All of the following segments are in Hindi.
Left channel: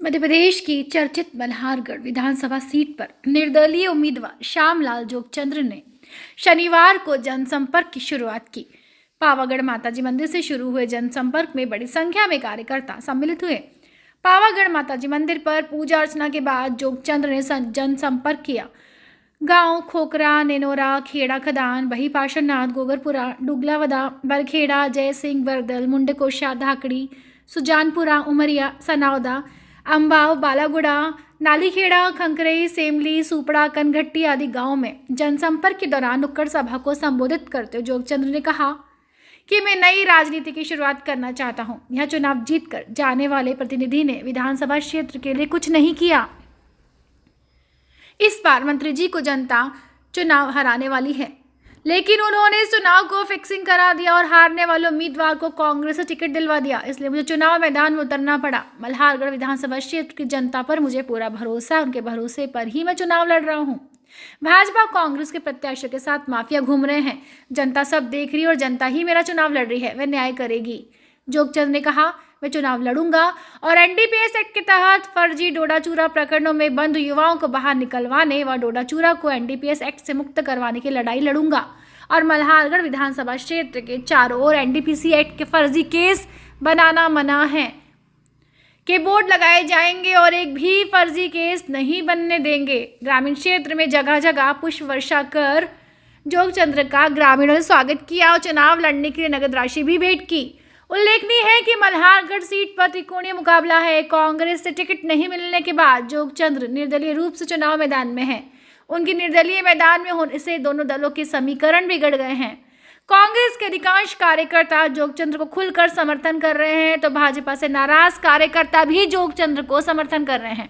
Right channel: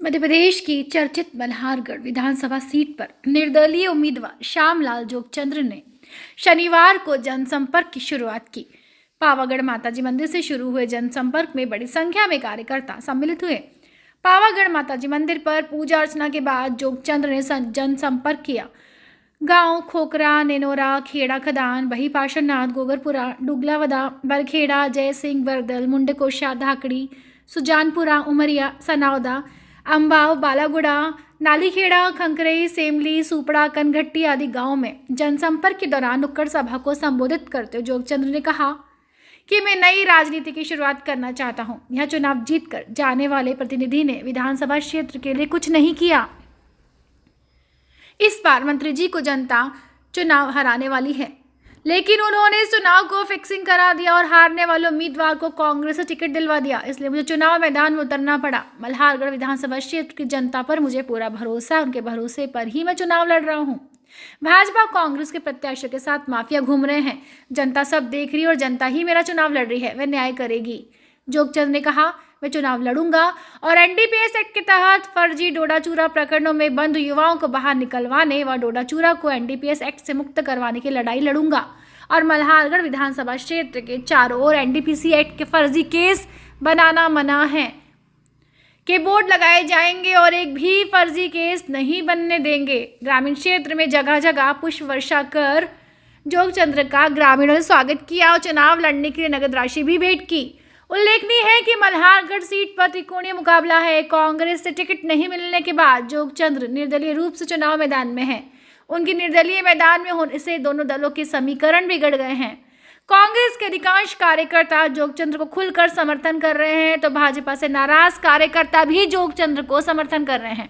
मध्य प्रदेश की चर्चित मल्हारगढ़ विधानसभा सीट पर निर्दलीय उम्मीदवार श्यामलाल जोगचंद्र ने शनिवार को जनसंपर्क की शुरुआत की। पावागढ़ माताजी मंदिर से शुरू हुए जनसंपर्क में बड़ी संख्या में कार्यकर्ता सम्मिलित हुए। पावागढ़ माताजी मंदिर पर पूजा अर्चना के बाद जोगचंद्र ने जनसंपर्क किया। गांव खोकरा, नेनोरा, खेड़ा खदान, बही पाशरनाथ, गोगरपुरा, डुगलावदा, बरखेड़ा, जय सिंह, बरदल, मुंडकोशा, धाकड़ी, सुजानपुरा, उमरिया, सनावदा, अंबाव, बालागुड़ा, नालीखेड़ा, खंकरई, सेमली, सुपड़ा, कनघट्टी आदि गांवों में जनसंपर्क के दौरान नुक्कड़ सभा को संबोधित करते हुए जोगचंद्र ने कहा कि मैं नई राजनीति की शुरुआत करना चाहता हूं। यह चुनाव जीतकर जाने वाले प्रतिनिधि ने विधानसभा क्षेत्र के लिए कुछ नहीं किया। इस बार मंत्री जी को जनता चुनाव हराने वाली है, लेकिन उन्होंने इस चुनाव को फिक्सिंग करा दिया और हारने वाले उम्मीदवार को कांग्रेस से टिकट दिलवा दिया, इसलिए मुझे चुनाव मैदान में उतरना पड़ा। मल्हारगढ़ विधानसभा क्षेत्र की जनता पर मुझे पूरा भरोसा है, उनके भरोसे पर ही मैं चुनाव लड़ रहा हूं। भाजपा कांग्रेस के प्रत्याशियों के साथ माफिया घूम रहे हैं। जनता सब देख रही है और जनता ही मेरा चुनाव लड़ रही है, वह न्याय करेगी। जोगचंद्र ने कहा, मैं चुनाव लड़ूंगा और एनडीपीएस एक्ट के तहत फर्जी डोडा चूरा प्रकरणों में बंद युवाओं को बाहर निकलवाने व डोडा चूरा को एनडीपीएस एक्ट से मुक्त करवाने की लड़ाई लड़ूंगा और मल्हारगढ़ विधानसभा क्षेत्र के चारों ओर एनडीपीसी एक्ट के फर्जी केस बनाना मना है के बोर्ड लगाए जाएंगे और एक भी फर्जी केस नहीं बनने देंगे। ग्रामीण क्षेत्र में जगह जगह पुष्प वर्षा कर जोगचंद्र का ग्रामीणों ने स्वागत किया और चुनाव लड़ने के लिए नगद राशि भी भेंट की। उल्लेखनीय है कि मल्हारगढ़ सीट पर त्रिकोणीय मुकाबला है। कांग्रेस से टिकट नहीं मिलने के बाद जोगचंद्र निर्दलीय रूप से चुनाव मैदान में हैं। उनकी निर्दलीय मैदान में होने से दोनों दलों के समीकरण बिगड़ गए हैं। कांग्रेस के अधिकांश कार्यकर्ता जोगचंद्र को खुलकर समर्थन कर रहे हैं, तो भाजपा से नाराज कार्यकर्ता भी जोगचंद्र को समर्थन कर रहे हैं।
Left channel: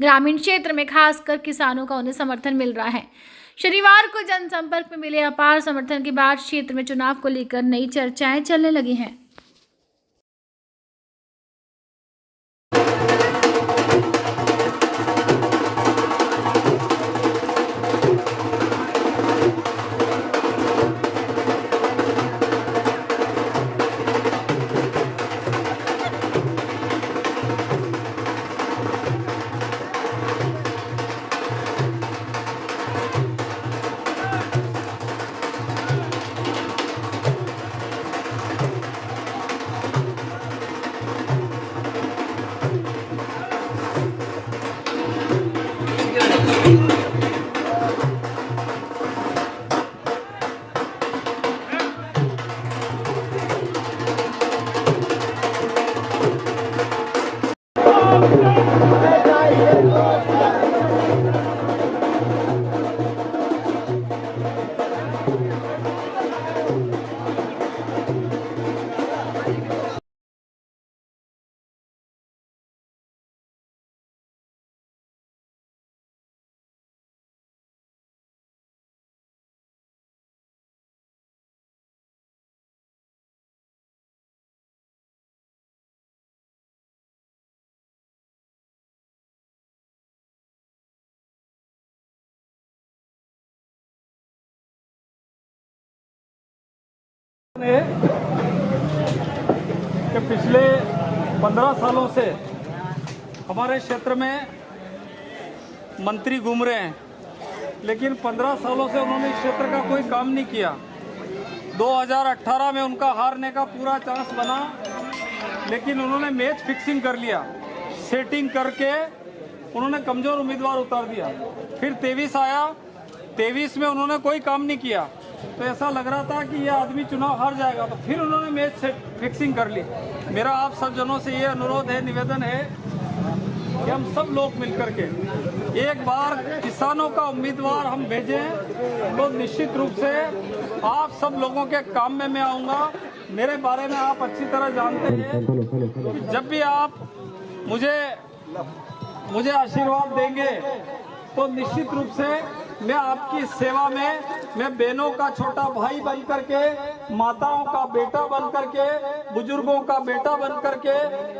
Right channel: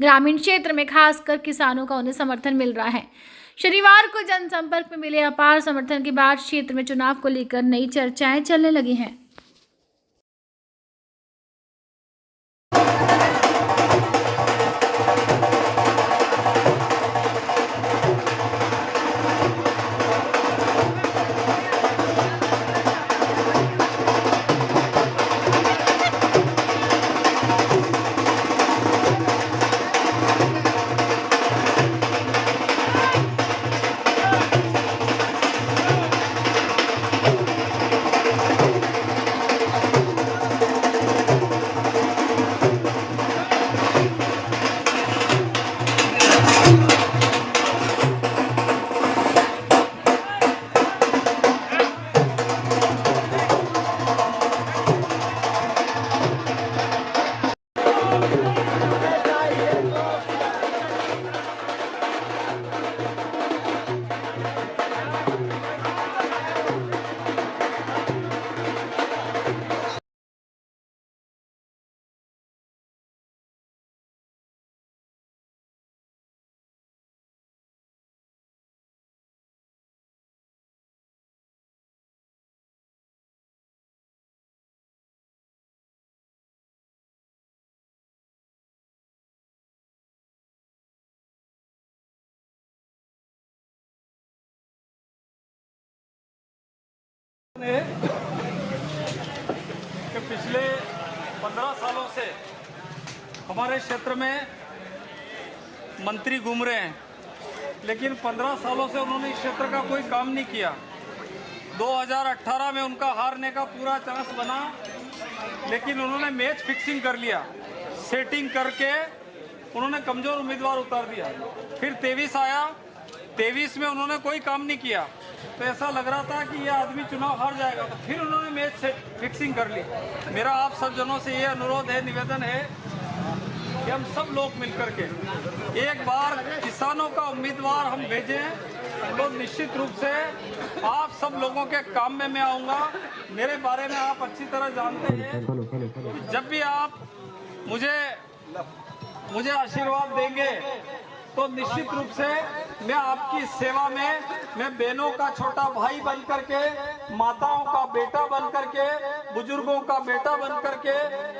ग्रामीण क्षेत्र में खासकर किसानों का उन्हें समर्थन मिल रहा है। शनिवार को जनसंपर्क में मिले अपार समर्थन के बाद क्षेत्र में चुनाव को लेकर नई चर्चाएं चलने लगी हैं। कि पिछले 15 सालों से हमारे क्षेत्र में मंत्री घूम रहे हैं, लेकिन 15 सालों से उन्होंने इस क्षेत्र का कोई काम नहीं किया। 2018 में उनका हारने का पूरा चांस बना, लेकिन उन्होंने मैच फिक्सिंग कर लिया। सेटिंग करके उन्होंने कमज़ोर उम्मीदवार उतार दिया। फिर 23 आया, 23 में उन्होंने कोई काम नहीं किया, तो ऐसा लग रहा था कि यह आदमी चुनाव हार जाएगा, तो फिर उन्होंने मैच से फिक्सिंग कर ली। मेरा आप सब जनों से ये अनुरोध है, निवेदन है कि हम सब लोग मिलकर के एक बार किसानों का उम्मीदवार हम भेजें, तो निश्चित रूप से आप सब लोगों के काम में मैं आऊँगा। मेरे बारे में आप अच्छी तरह जानते हैं कि जब भी आप मुझे आशीर्वाद देंगे तो निश्चित रूप से मैं आपकी सेवा में, मैं बहनों का छोटा भाई बन करके, माताओं का बेटा बन करके, बुजुर्गों का बेटा बन करके,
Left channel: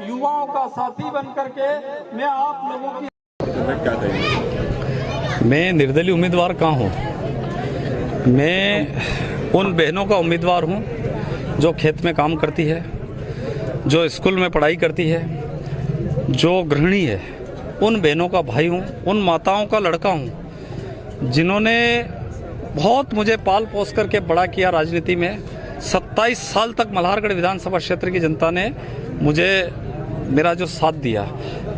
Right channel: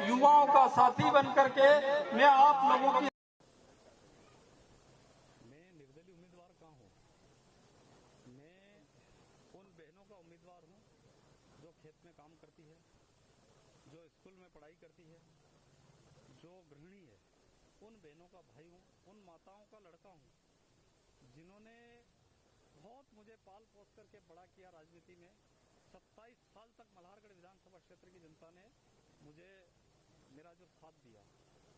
युवाओं का साथी बन करके मैं आप लोगों की। मैं निर्दलीय उम्मीदवार कहाँ हूँ? मैं उन बहनों का उम्मीदवार हूँ जो खेत में काम करती है, जो स्कूल में पढ़ाई करती है, जो गृहिणी है, उन बहनों का भाई हूँ, उन माताओं का लड़का हूँ जिन्होंने बहुत मुझे पाल पोस करके बड़ा किया राजनीति में। 27 साल तक मल्हारगढ़ विधानसभा क्षेत्र की जनता ने मुझे मेरा जो साथ दिया।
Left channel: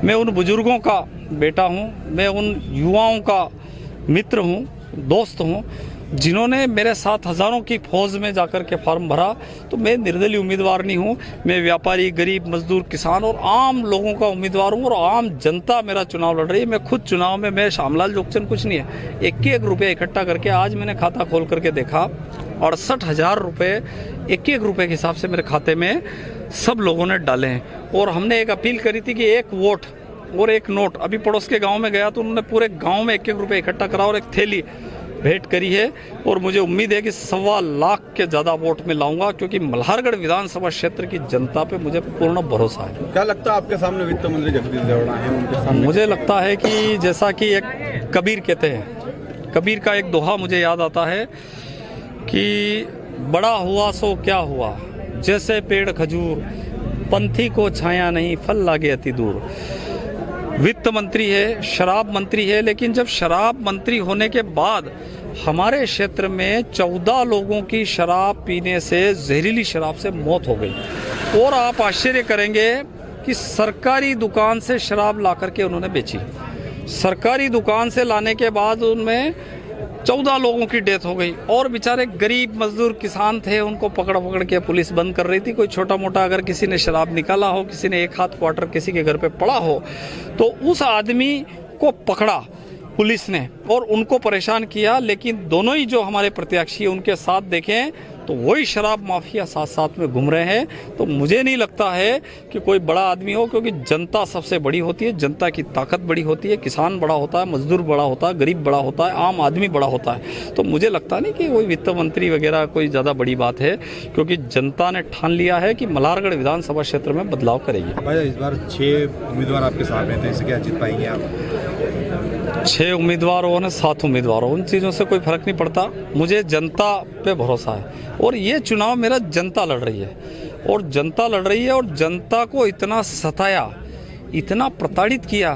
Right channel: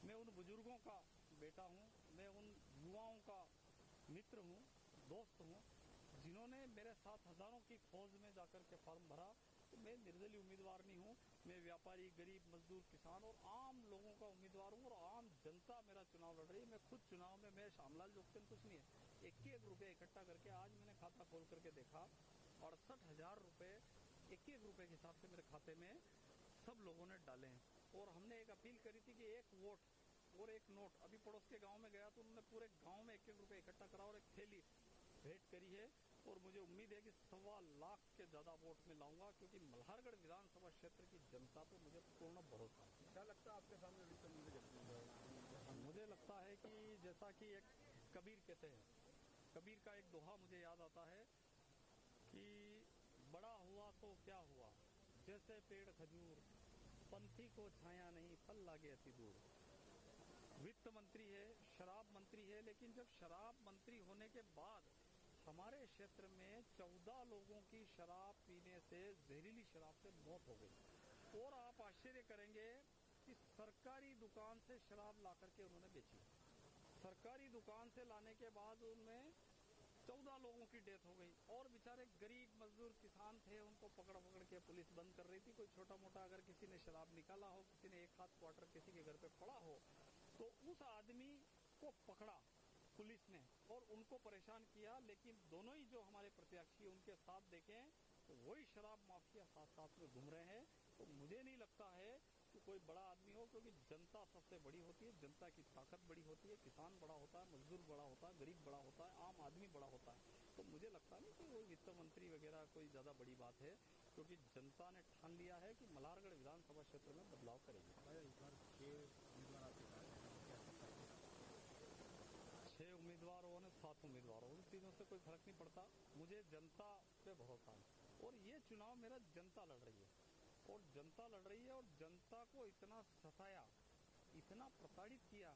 मैं उन बुजुर्गों का बेटा हूँ, मैं उन युवाओं का मित्र हूँ, दोस्त हूँ जिन्होंने मेरे साथ हज़ारों की फौज में जाकर के फॉर्म भरा। तो मैं निर्दलीय उम्मीदवार नहीं हूँ, मैं व्यापारी, गरीब, मजदूर, किसान और आम लोगों का उम्मीदवार हूँ और आम जनता मेरा चुनाव लड़ रही है। मैं खुद चुनाव में, मैं श्यामलाल जोगचंद कुछ नहीं है, 1-1 रुपये इकट्ठा करके आज मैंने खाता खोल करके देखा, 68,000 रुपये 1-1 रुपये के हिसाब से मेरे खाते में सब लोगों ने डाले हैं। और हमने एक अपील करी थी कि 1 वोट और 1 नोट। अभी पड़ोस के गाँव में गया तो उन्होंने पूरे गाँव में 1-1 रुपये इकट्ठा करा और एक थैली भेंट करी है। और मुझे उम्मीद है कि 1.25 लाख के ज़्यादा वोट में लाऊंगा, क्योंकि मल्हारगढ़ विधानसभा क्षेत्र की जनता पे मुझे पूर्ण भरोसा है। क्या लगता है आपके सामने वित्त मंत्री जगदीश देवड़ा है, उनके सामने? मुझे लगता है कि जैसा कि एक कबीर कहते हैं, कबीर का एक दोहा मुझे याद आता है कि बड़ा हुआ सो क्या हुआ, जैसे पेड़ खजूर, पंथी को छाया नहीं, फल लागे अति दूर। वित्त मंत्री है, शराब मंत्री है, लेकिन जब शराब मंत्री होने के बाद हमारे क्षेत्र में 14 लोगों की शराब पीने से, जहरीली शराब से मौत हो गई। और आप आश्चर्य करेंगे कि सरकारी दुकान से शराब ला करके उन्होंने बेची। सरकारी दुकान से लाने के बाद उनमें 14 लोगों की डेथ हो गई। और बेचारे गरीब मजदूर किसान थे, उनको पकड़ के पुलिस बंद कर रही थी। कोई छोटा मोटा अगर किसी ने शराब निकाला हो, किसी ने 1 हाथ क्वार्टर किसी के घर पे पड़ा हो, तो उस आदमी को पकड़ा पुलिस ने और उनको परेशान किया। लेकिन दोनों ही जो हमारे प्रत्याशी उनके साथ देखें तो वही शराब माफिया साथ साथ में घूम रहे हैं। तो मुझे नहीं लगता है कि कोई बड़ा आदमी हो, क्योंकि जनता सबसे बड़ी होती है, जनता की ताकत बड़ी होती है, किसान बड़ा होता है, मजदूर बड़ा होता है, गरीब बड़ा होता है, आम आदमी बड़ा होता है। तो मुझे लगता नहीं कि कोई वित्त मंत्री वगैरह कोई ज़्यादा बड़ी बात है, क्योंकि जनता ने ठान लिया है कि मल्हारगढ़ विधानसभा क्षेत्र में बदलाव करेगी। भाई इस बार 6 उम्मीदवार आपके सामने थे, इससे क्या जीत पाएंगे आप? 6 उम्मीदवार हो न 7 उम्मीदवार हो, उन चीज़ों से कोई फर्क नहीं पड़ता। मुझे जनता पे भरोसा है और ये चुनाव मेरा जनता लड़ रही है और जनता लड़ रही है और जनता को इतना सताया, इतना प्रताड़ित किया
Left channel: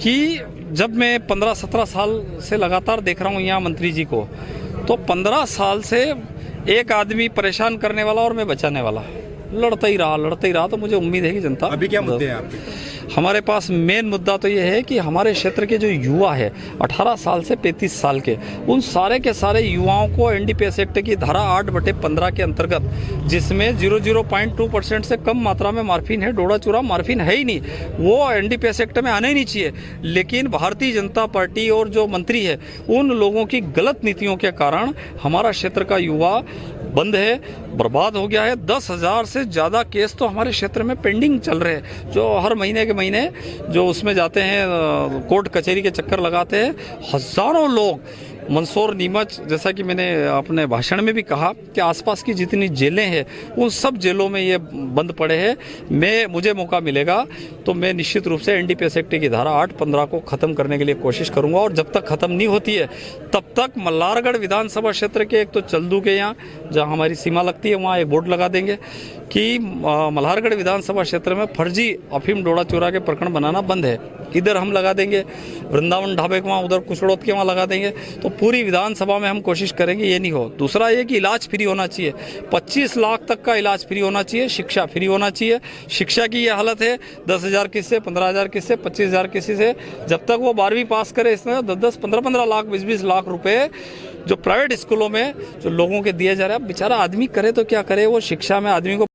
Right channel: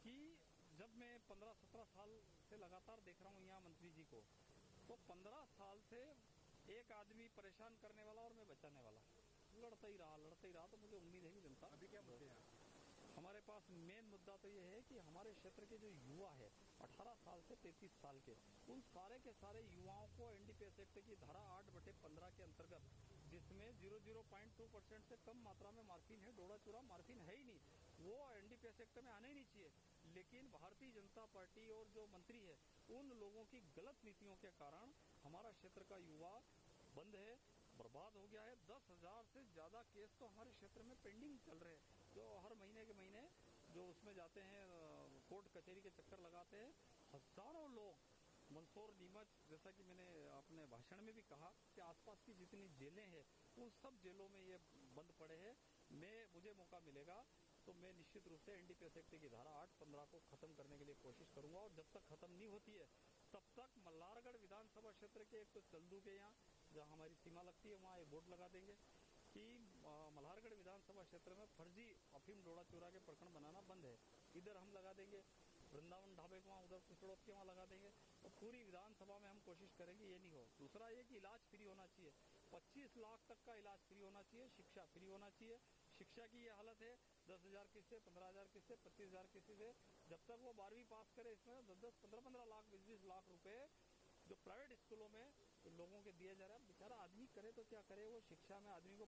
कि जब मैं 15-17 साल से लगातार देख रहा हूँ यहाँ मंत्री जी को, तो 15 साल से एक आदमी परेशान करने वाला और मैं बचाने वाला, लड़ता ही रहा। तो मुझे उम्मीद है कि जनता। अभी क्या मुद्दे हैं आपके? हमारे पास मेन मुद्दा तो ये है कि हमारे क्षेत्र के जो युवा है 18 साल से 35 साल के, उन सारे के सारे युवाओं को एनडीपीएस एक्ट की धारा 8/15 के अंतर्गत, जिसमें 0.2% से कम मात्रा में मार्फिन है, डोडा चूरा मार्फिन है ही नहीं, वो एनडीपीएस एक्ट में आना ही नहीं चाहिए। लेकिन भारतीय जनता पार्टी और जो मंत्री है उन लोगों की गलत नीतियों के कारण हमारा क्षेत्र का युवा बंद है, बर्बाद हो गया है। 10,000 से ज़्यादा केस तो हमारे क्षेत्र में पेंडिंग चल रहे हैं, जो हर महीने के महीने जो उसमें जाते हैं, कोर्ट कचहरी के चक्कर लगाते हैं। हज़ारों लोग मंदसौर, नीमच, जैसा कि मैंने अपने भाषण में भी कहा कि आसपास की जितनी जेलें हैं उन सब जेलों में ये बंद पड़े हैं। मुझे मौका मिलेगा तो मैं निश्चित रूप से एनडीपीएस एक्ट की धारा 8/15 को ख़त्म करने के लिए कोशिश करूंगा। और जब तक ख़त्म नहीं होती है तब तक मल्हारगढ़ विधानसभा क्षेत्र के, एक तो चल्दू के यहाँ जहाँ हमारी सीमा लगती है वहाँ एक बोर्ड लगा देंगे कि मल्हारगढ़ विधानसभा क्षेत्र में फर्जी अफीम डोडा चूरा के प्रकरण बनाना बंद है, इधर हम लगा देंगे। वृंदावन ढाबे के वहाँ, उधर कुशड़ोत के वहाँ लगा देंगे। तो पूरी विधानसभा में हम कोशिश करेंगे ये नहीं हो। दूसरा ये कि इलाज फ्री होना चाहिए, 25 लाख तक का इलाज फ्री होना चाहिए, शिक्षा फ्री होना चाहिए। शिक्षा की ये हालत है 10,000 किस्से, 15,000 किस्से, 25,000 किसी से, जब तक वो 12वीं पास करे इसमें 10-10, 15-15 लाख, 20-20 लाख रुपए जो प्राइवेट स्कूलों में जो लोगों के दिए जा रहे हैं। अब बेचारा आदमी करे तो क्या करे, वो शिक्षा में आदमी को